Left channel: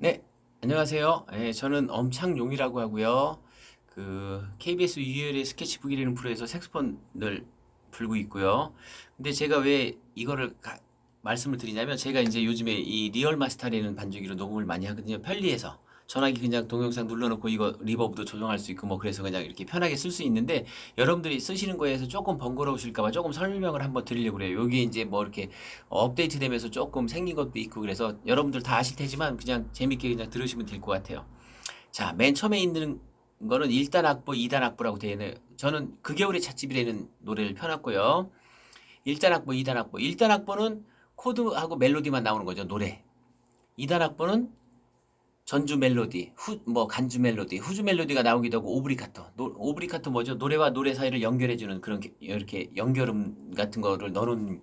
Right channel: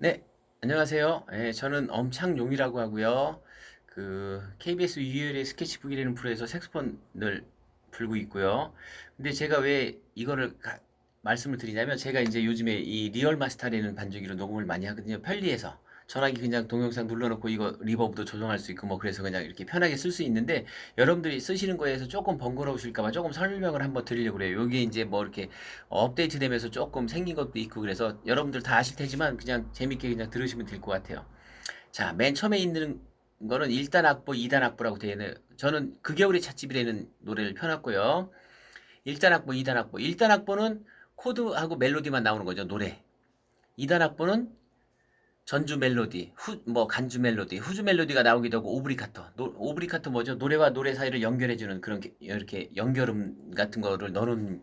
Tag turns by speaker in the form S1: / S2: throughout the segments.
S1: 네, 안녕하세요. 예, 저는 엄창용이라고 하고요. 그 KBS 유열의 스케치북이라는 프로에서 색소폰을 불고 있고요. 근데 제가 왜 이거를 가- 말씀을 드리냐면 제가 이제 요즘에 이 리얼 마스터라는 반주기로 녹음을 많이 하거든요. 편리해서 전화기 그냥 동영상 눌러놓고 이거 리버브도 조정할 수 있고 뭐 그래서 그냥 이렇게 편하게 쓸 수 있는데 여러분들이 쓰시는 거에서 조금 번거로우실까봐 조금 설명을 한번 드리려고 그래요. 여기 이제 뭐 이렇게 업데이트 되면서 조금 생긴 것도 있고 그래서 여러분들 다 아실 테지만 그냥 재밌게 그냥 들으시면 될 것 같아요. 자, 맨 처음에 있는 거는 1단 악보, 2단 악보라고 되어 있는 저는 그 겨울의 찻집이라는 노래를 펴놨고요. 1단 악보, 2단 악보. 1단 악보는 코드하고 멜로디만 나오는 거죠, 노래. 2단 악보는 전주 멜로디, 후, 뭐 간주 멜로디, 후주 멜로디가 나오기도 하고 오브리카토. 노, 오브리카토 뭐죠? 노래와 노래 사이를 연결해 주는 그런 게- 이렇게 연결음 같은 거를 넣어 놓은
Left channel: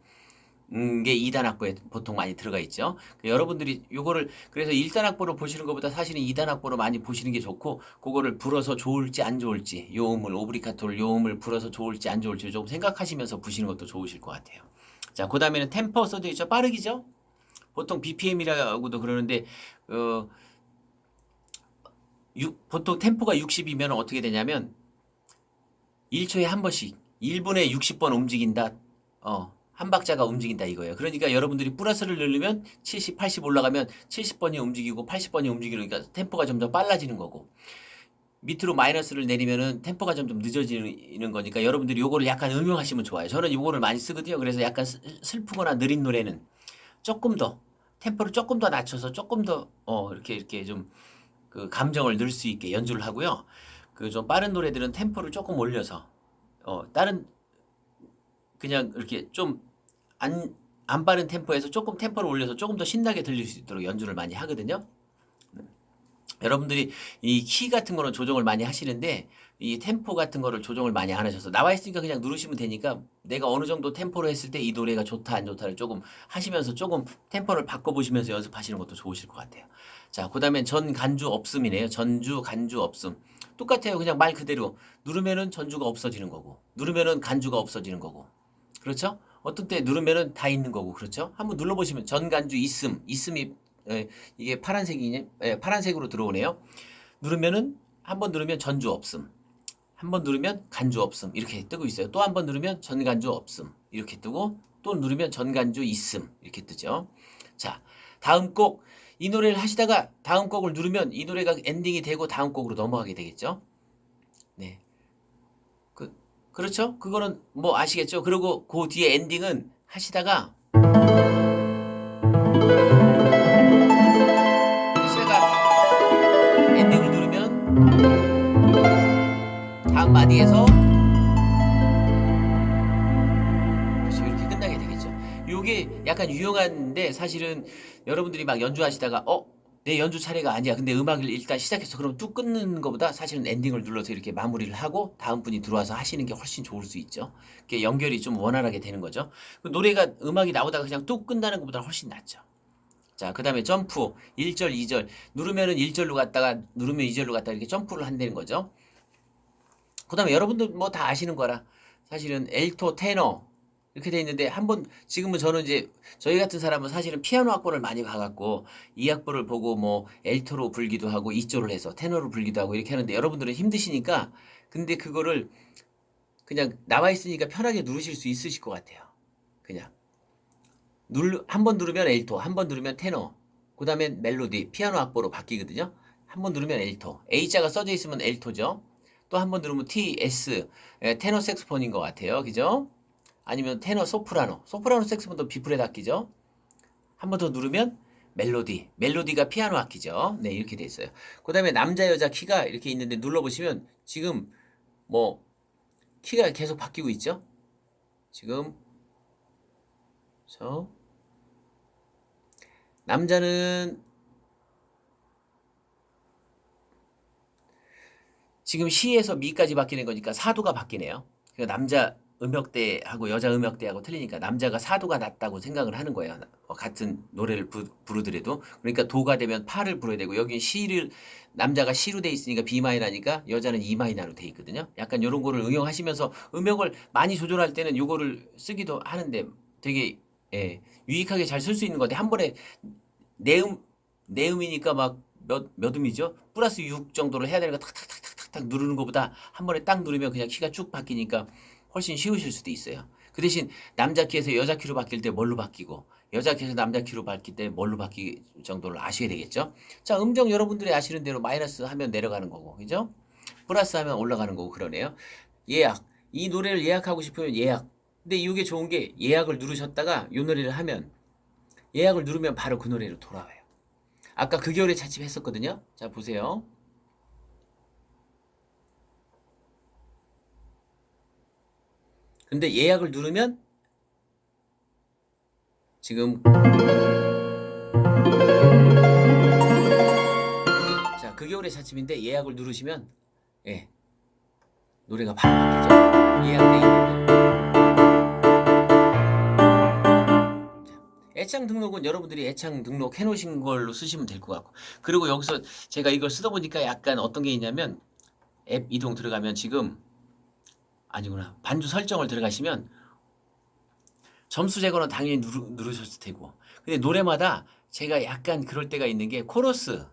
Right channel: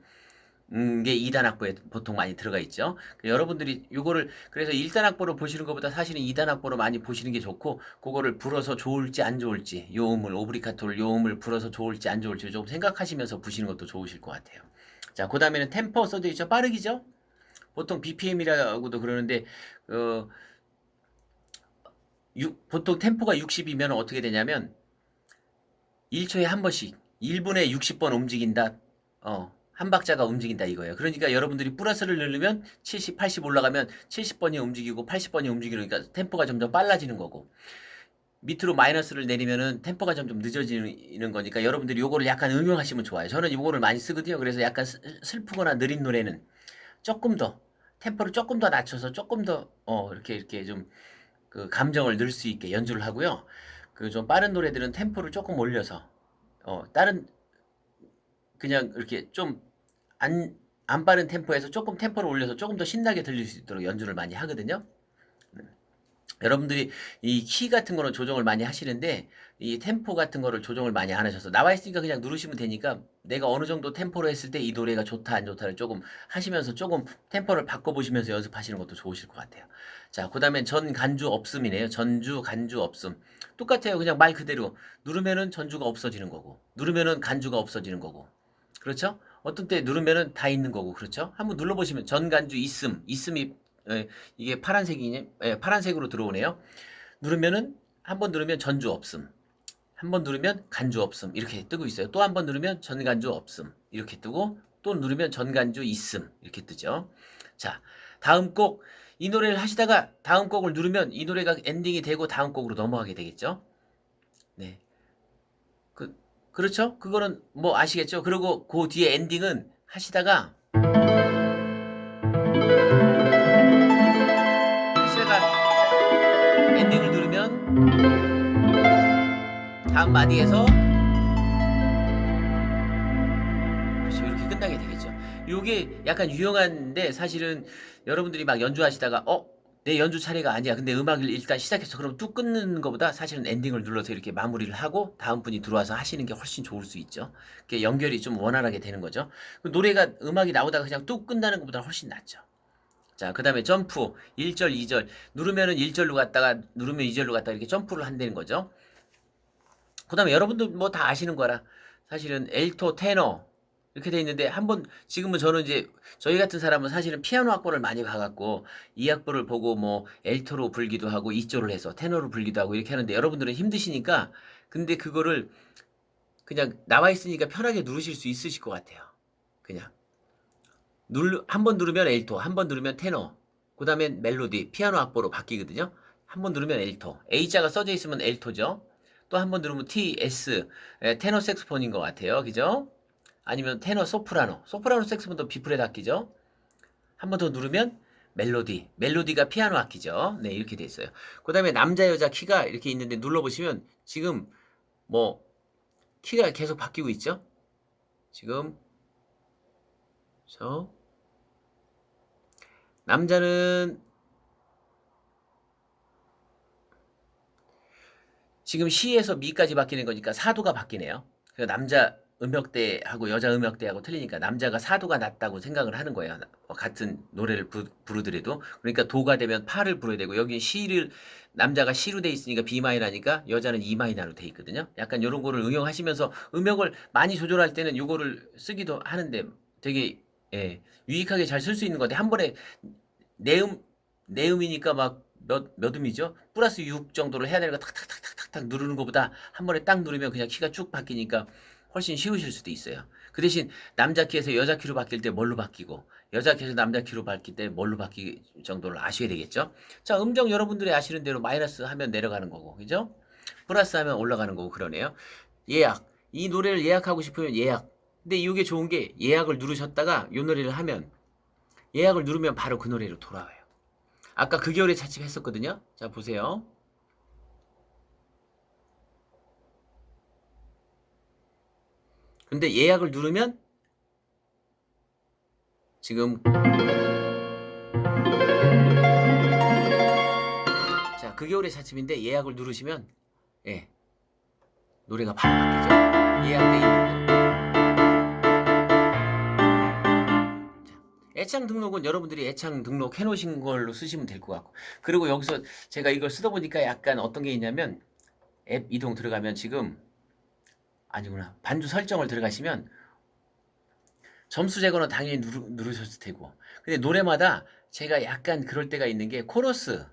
S1: 음, 게 2단 악보에 보통 많이 들어가 있죠. 그 여러분들이 요거를 그래서 1단 악보로 보시는 것보다 사실은 2단 악보로 많이 보시는 게 좋고 그거를 불어서 좋을지 안 좋을지 요 음을 오브리카토를 요 음을 불어서 좋을지 안 좋을지 좀 생각하시면서 부시는 것도 좋으실 것 같아요. 자, 그다음에는 템포 써져 있죠. 빠르기죠. 보통 BPM이라고도 그러는데 어 육- 보통 템포가 60이면 어떻게 되냐면 1초에 한 번씩 1분에 60번 움직인다. 어, 한 박자가 움직인다 이거예요. 그러니까 여러분들이 플러스를 누르면 70, 80 올라가면 70번이 움직이고 80번이 움직이니까 템포가 점점 빨라지는 거고 밑으로 마이너스를 내리면은 템포가 점점 늦어지는 거니까 여러분들이 요거를 약간 응용하시면 좋아요. 저는 요거를 많이 쓰거든요. 그래서 약간 슬- 슬프거나 느린 노래는 조금 더 템포를 조금 더 낮춰서 조금 더 어, 이렇게 이렇게 좀 그 감정을 넣을 수 있게 연주를 하고요. 그 좀 빠른 노래들은 템포를 조금 올려서 어, 다른 그냥 이렇게 좀안안 빠른 템포에서 조금 템포를 올려서 조금 더 신나게 들릴 수 있도록 연주를 많이 하거든요. 여러분들이 이 키 같은 거는 조정을 많이 하시는데 이 템포 같은 거를 조정을 많이 안 하셔서 나와 있으니까 그냥 누르시면 되니까 내가 어느 정도 템포로 했을 때 이 노래가 좋다 안 좋다를 조금 하시면서 조금 템포를 바꿔 보시면서 연습하시는 것도 좋으실 것 같아요. 자, 그 다음엔 전 간주 없음이네요. 전주 간주 없음. 똑같아요. 그냥 말 그대로 누르면은 전주가 없어지는 거고 누르면은 간주가 없어지는 거고 그렇죠? 어떤 때 누르면은 다 있는 거고 그렇죠? 한번 눌러보시면 전간주 있음 있음이 예, 이게 파란색이네 예, 파란색으로 들어오네요. 누르면은 한 번 누르면 전주 없음 한 번 누르면 간주 없음 이렇게 뜨고 있어요. 또 한 번 누르면 전간주 없음 이렇게 뜨고 또 누르면 전간주 있음 이렇게 뜨죠. 자 다음 곡 이 노래를 하시다가 다음 곡을 누르면 이 노래가 엔딩이 되고 다음 곡으로 넘어가게 되겠죠. 네. 그, 그렇죠? 그거는 뭐 아시겠죠? 그리고 그 뒤에 엔딩은 하시다가 하시다가 엔딩을 누르면 다음 마디에서. 이렇게 끝나게 되겠죠. 요게 약간 유용한데 사실은 여러분들이 막 연주하시다가 어? 내 연주 차례가 아니야. 근데 음악을 일단 시작했어. 그럼 뚝 끊는 것보다 사실은 엔딩을 눌러서 이렇게 마무리를 하고 다음 분이 들어와서 하시는 게 훨씬 좋을 수 있죠. 그게 연결이 좀 원활하게 되는 거죠. 그 노래가 음악이 나오다가 그냥 뚝 끝나는 것보다 훨씬 낫죠. 자, 그 다음에 점프 1절, 2절 누르면은 1절로 갔다가 누르면 2절로 갔다가 이렇게 점프를 한다는 거죠. 그 다음에 여러분들 뭐다 아시는 거라 사실은 엘토, 테너 이렇게 돼 있는데 한번 지금은 저는 이제 저희 같은 사람은 사실은 피아노 악보를 많이 봐갖고 이 악보를 보고 뭐 엘토로 불기도 하고 2조를 해서 테너로 불기도 하고 이렇게 하는데 여러분들은 힘드시니까 근데 그거를 그냥 나와 있으니까 편하게 누르실 수 있으실 것 같아요. 그냥 눌한번 누르면 엘토, 한 번 누르면 테너, 그 다음에 멜로디, 피아노 악보로 바뀌거든요. 한 번 누르면 엘토, A자가 써져 있으면 엘토죠. 또 한 번 누르면 T, S, 에, 테너 색소폰인 것 같아요. 그죠? 아니면 테너 소프라노, 소프라노 색소폰도 비프렛 악기죠. 한 번 더 누르면 멜로디, 멜로디가 피아노 악기죠. 네, 이렇게 돼 있어요. 그 다음에 남자, 여자 키가 이렇게 있는데 눌러보시면 지금 뭐 키가 계속 바뀌고 있죠. 지금 저 남자는 지금 시에서 미까지 바뀌는 거니까 사도가 바뀌네요. 그러니까 남자 음역대하고 여자 음역대하고 틀리니까 남자가 사도가 낮다고 생각을 하는 거예요. 어, 같은 노래를 부, 부르더라도 그러니까 도가 되면 파를 불어야 되고 여기 시를 남자가 시로 돼 있으니까 B 마이너니까 여자는 E 마이너로 돼 있거든요. 약간 이런 거를 응용하시면서 음역을 많이 조절할 때는 요거를 쓰기도 하는데 되게 예, 유익하게 잘 쓸 수 있는 건데 한 번에 내음 내음이니까 막 몇, 몇 음이죠? 플러스 6 정도를 해야 되는 거 탁탁탁탁탁 누르는 것보다 한 번에 딱 누르면 그냥 키가 쭉 바뀌니까 훨씬 쉬우실 수도 있어요. 그 대신 남자 키에서 여자 키로 바뀔 때 뭘로 바뀌고 여자 키에서 남자 키로 바뀔 때 뭘로 바뀔 정도를 아셔야 되겠죠? 자, 음정 여러분들이 아시는 대로 마이너스 하면 내려가는 거고, 그죠? 플러스 하면 올라가는 거고 그러네요. 예약. 이 노래를 예약하고 싶으면 예약. 근데 이게 좋은 게 예약을 누르셨다가 이 노래를 하면 예약을 누르면 바로 그 노래로 돌아와요. 아까 그 겨울에 차집 했었거든요. 자, 보세요. 근데 예약을 누르면 지금 자, 그 겨울의 차집인데 예약을 누르시면 예. 노래가 바로 바뀌죠. 예약돼 있는 애창 등록은 여러분들이 애창 등록 해놓으신 걸로 쓰시면 될 것 같고 그리고 여기서 제가 이걸 쓰다 보니까 약간 어떤 게 있냐면 앱 이동 들어가면 지금 아니구나. 반주 설정을 들어가시면 점수 제거는 당연히 누르, 누르셨을 테고. 근데 노래마다 제가 약간 그럴 때가 있는 게 코러스.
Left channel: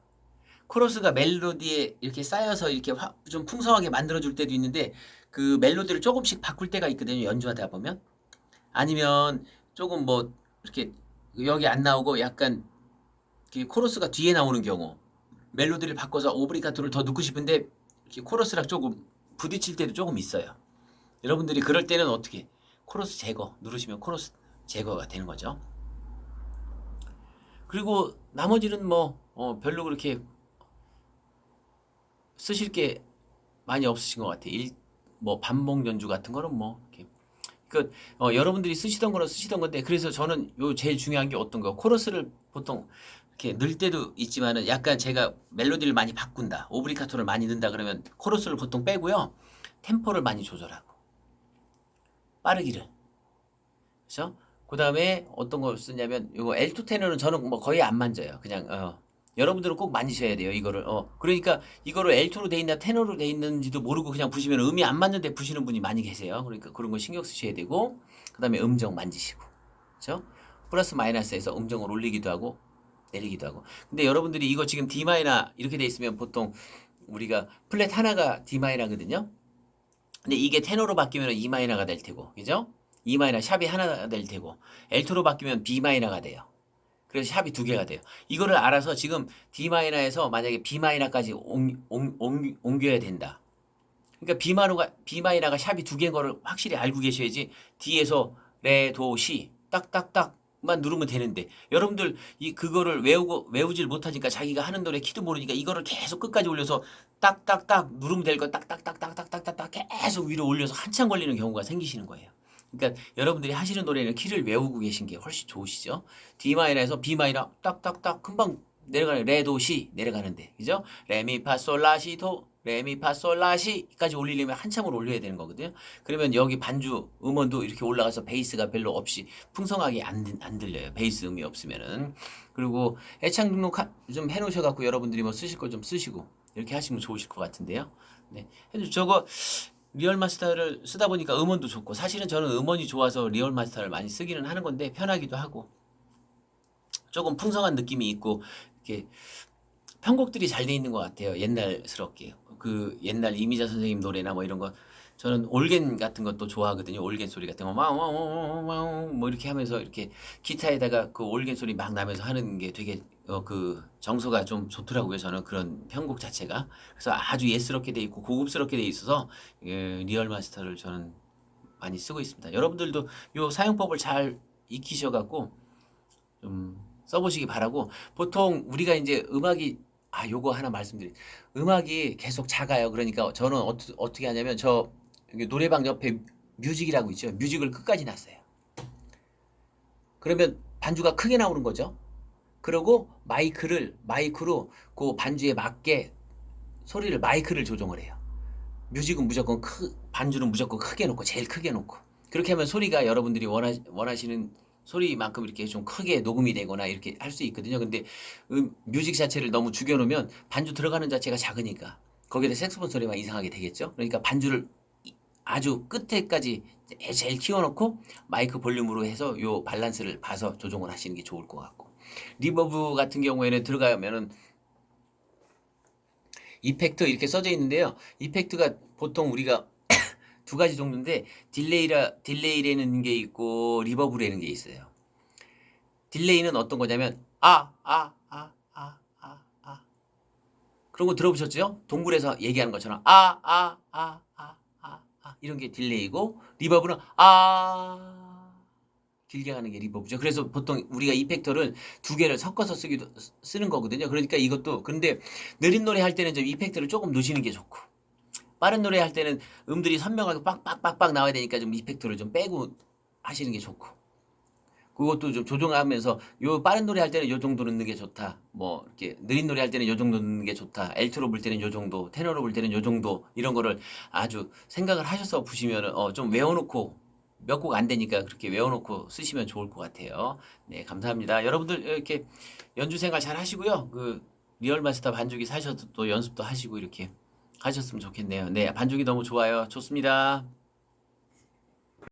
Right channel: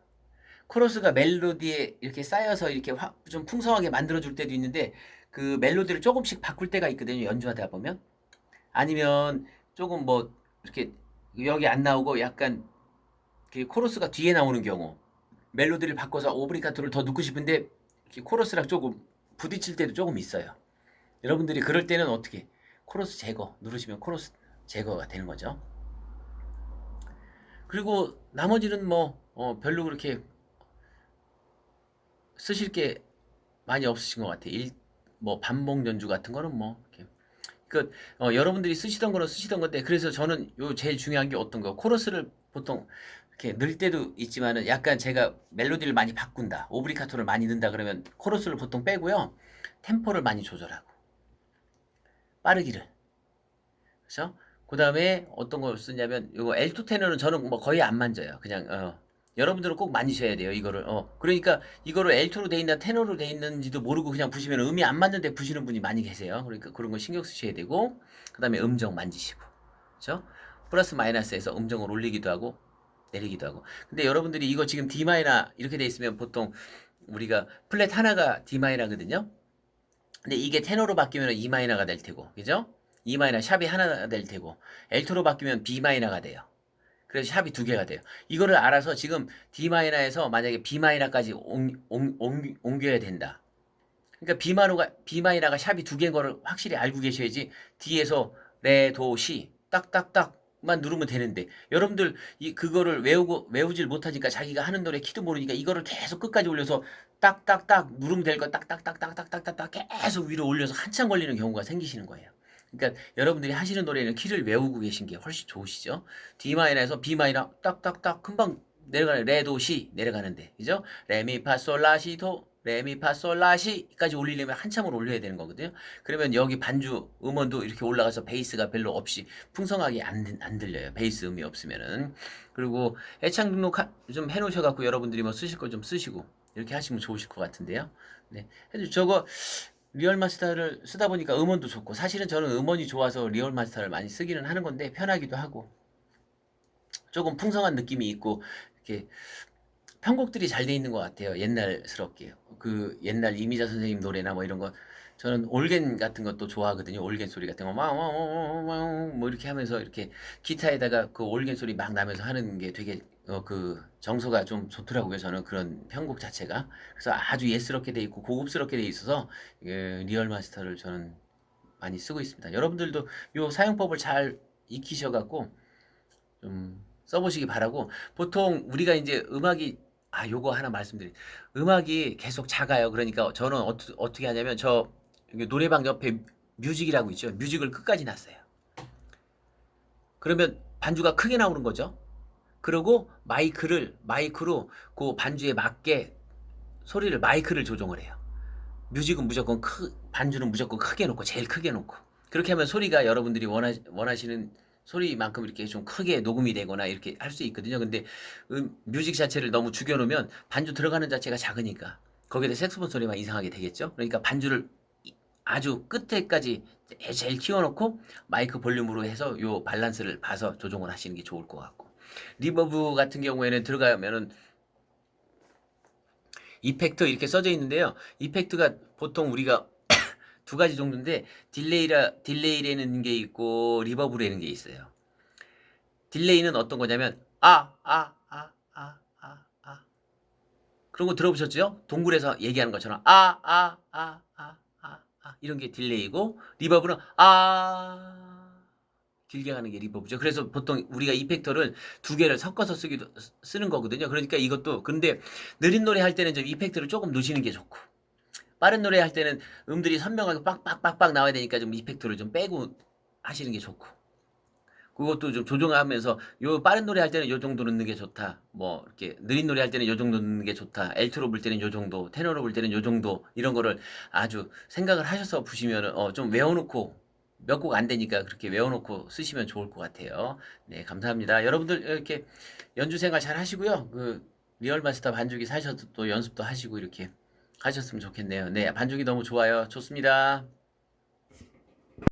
S1: 코러스가 멜로디에 이렇게 쌓여서 이렇게 화- 좀 풍성하게 만들어줄 때도 있는데 그 멜로디를 조금씩 바꿀 때가 있거든요 연주하다 보면. 아니면 조금 뭐 이렇게 여기 안 나오고 약간 그 코러스가 뒤에 나오는 경우 멜로디를 바꿔서 오브리가토를 더 넣고 싶은데 코러스랑 조금 부딪힐 때도 조금 있어요 여러분들이 그럴 때는 어떻게 코러스 제거 누르시면 코러스 제거가 되는 거죠 그리고 나머지는 뭐 어, 별로 그렇게 쓰실 게 많이 없으신 것 같아요. 일, 뭐 반복 연주 같은 거는 뭐 이렇게. 그 어, 여러분들이 쓰시던 거는 쓰시던 건데 그래서 저는 요 제일 중요한 게 어떤 거 코러스를 보통 이렇게 넣을 때도 있지만은 약간 제가 멜로디를 많이 바꾼다 오브리카토를 많이 넣는다 그러면 코러스를 보통 빼고요 템포를 많이 조절하고 빠르기를. 그래서 그 다음에 어떤 걸 쓰냐면 요거 L2 테너는 저는 뭐 거의 안 만져요. 그냥 어, 여러분들은 꼭 만지셔야 돼요 이거를. 어 그러니까 이거를 L2로 돼 있나 테너로 돼 있는지도 모르고 그냥 부시면 음이 안 맞는데 부시는 분이 많이 계세요. 그러니까 그런 거 신경 쓰셔야 되고 그 다음에 음정 만지시고. 그렇죠? 플러스 마이너스에서 음정을 올리기도 하고 내리기도 하고. 근데 여러분들이 이거 지금 D 마이너 이렇게 돼 있으면 보통 우리가 플랫 하나가 D 마이너거든요 근데 이게 테너로 바뀌면 E 마이너가 될 테고 그죠 E 마이너 샵이 하나 될 테고 L2로 바뀌면 B 마이너가 돼요 그래서 샵이 두 개가 돼요. 이거를 알아서 지금 D 마이너에서 만약에 B 마이너까지 옮겨야 된다. 그러니까 B 마이너가 B 마이너가 샵이 두 개인 거를 확실히 알고 계셔야지 D에서 레, 도, 시 딱딱딱 만 누르면 되는데 여러분들 이 그거를 외우고 외우질 못하니까 자기가 하는 노래 키도 모르니까 이거를 계속 끝까지 올려서 딱딱딱 누르면 될 거 딱딱딱딱딱딱딱 계속 위로 올려서 한참 걸리는 경우가 생기시는 거예요. 그러니까 여러분들이 하시는 노래는 키를 외우고 계신 게 훨씬 좋으시죠. D 마이너에서 B 마이너 딱딱딱 금방 내려가는 레도 시 내려가는데 그죠? 레미파솔라시도 레미파솔라시까지 올리려면 한참을 올려야 되는 거거든요. 그러면 여기 반주 음원도 이렇게 올라가서 베이스가 별로 없이 풍성하게 안, 들- 안 들려요. 베이스 음이 없으면은 그리고 애창 등록 하- 좀 해놓으셔갖고 여러분들이 뭐 쓰실 걸좀 쓰시고 이렇게 하시면 좋으실 것 같은데요. 네, 저거 리얼 마스터를 쓰다 보니까 음원도 좋고 사실은 저는 음원이 좋아서 리얼 마스터를 많이 쓰기는 하는 건데 편하기도 하고 조금 풍성한 느낌이 있고 이렇게 편곡들이 잘 돼 있는 것 같아요 옛날스럽게. 그 옛날 이미자 선생님 노래나 뭐 이런 거. 저는 올겐 같은 것도 좋아하거든요 올겐 소리 같은 거. 마우마우마우 뭐 이렇게 하면서 이렇게 기타에다가 그 올겐 소리 막 나면서 하는 게 되게 어 그 정서가 좀 좋더라고요 저는 그런 편곡 자체가. 그래서 아주 예스럽게 돼 있고 고급스럽게 돼 있어서 예, 리얼 마스터를 저는 많이 쓰고 있습니다. 여러분들도 요 사용법을 잘 익히셔갖고 좀 써보시기 바라고 보통 우리가 이제 음악이 아 요거 하나 말씀드리 음악이 계속 작아요. 그러니까 저는 어떻게 어떻게 하냐면 저 여기 노래방 옆에 뮤직이라고 있죠. 뮤직을 끝까지 놨어요. 그러면 반주가 크게 나오는 거죠. 그리고 마이크를 마이크로 그 반주에 맞게 소리를 마이크를 조정을 해요. 뮤직은 무조건 크, 반주는 무조건 크게 놓고 제일 크게 놓고 그렇게 하면 소리가 여러분들이 원하, 원하시는 소리만큼 이렇게 좀 크게 녹음이 되거나 이렇게 할 수 있거든요. 근데 음, 뮤직 자체를 너무 죽여놓으면 반주 들어가는 자체가 작으니까 거기다 색소폰 소리만 이상하게 되겠죠. 그러니까 반주를 이- 아주 끝에까지 제- 제일 키워놓고 마이크 볼륨으로 해서 요 밸런스를 봐서 조정을 하시는 게 좋을 것 같고 리버브 같은 경우에는 들어가면은 이펙트 이렇게 써져 있는데요. 이펙트가 보통 우리가 두 가지 종류인데 딜레이라 딜레이라는 게 있고 리버브라는 게 있어요. 딜레이는 어떤 거냐면 아 아 아 아 아 아 그런 거 들어보셨죠? 동굴에서 얘기하는 것처럼 아 아 아 아 아 아 이런 게 딜레이고 리버브는 아 길게 가는 게 리버브죠. 그래서 보통 우리가 이펙터를 두 개를 섞어서 쓰기도 쓰는 거거든요. 그러니까 이것도 근데 느린 노래 할 때는 좀 이펙트를 조금 넣으시는 게 좋고 빠른 노래 할 때는 음들이 선명하게 빡빡빡빡 나와야 되니까 좀 이펙트를 좀 빼고 하시는 게 좋고 그것도 좀 조정하면서 요 빠른 노래 할 때는 요 정도 넣는 게 좋다. 뭐 이렇게 느린 노래 할 때는 요 정도 넣는 게 좋다. 엘트로 불 때는 요 정도, 테너로 불 때는 요 정도 이런 거를 아주 생각을 하셔서 부시면 어, 좀 외워놓고 몇 곡 안 되니까 그렇게 외워놓고 쓰시면 좋을 것 같아요. 네, 감사합니다. 여러분들 이렇게 연주 생활 잘 하시고요. 그 리얼 마스터 반주기 사셔도 또 연습도 하시고 이렇게 하셨으면 좋겠네요. 네, 반주기 너무 좋아요. 좋습니다.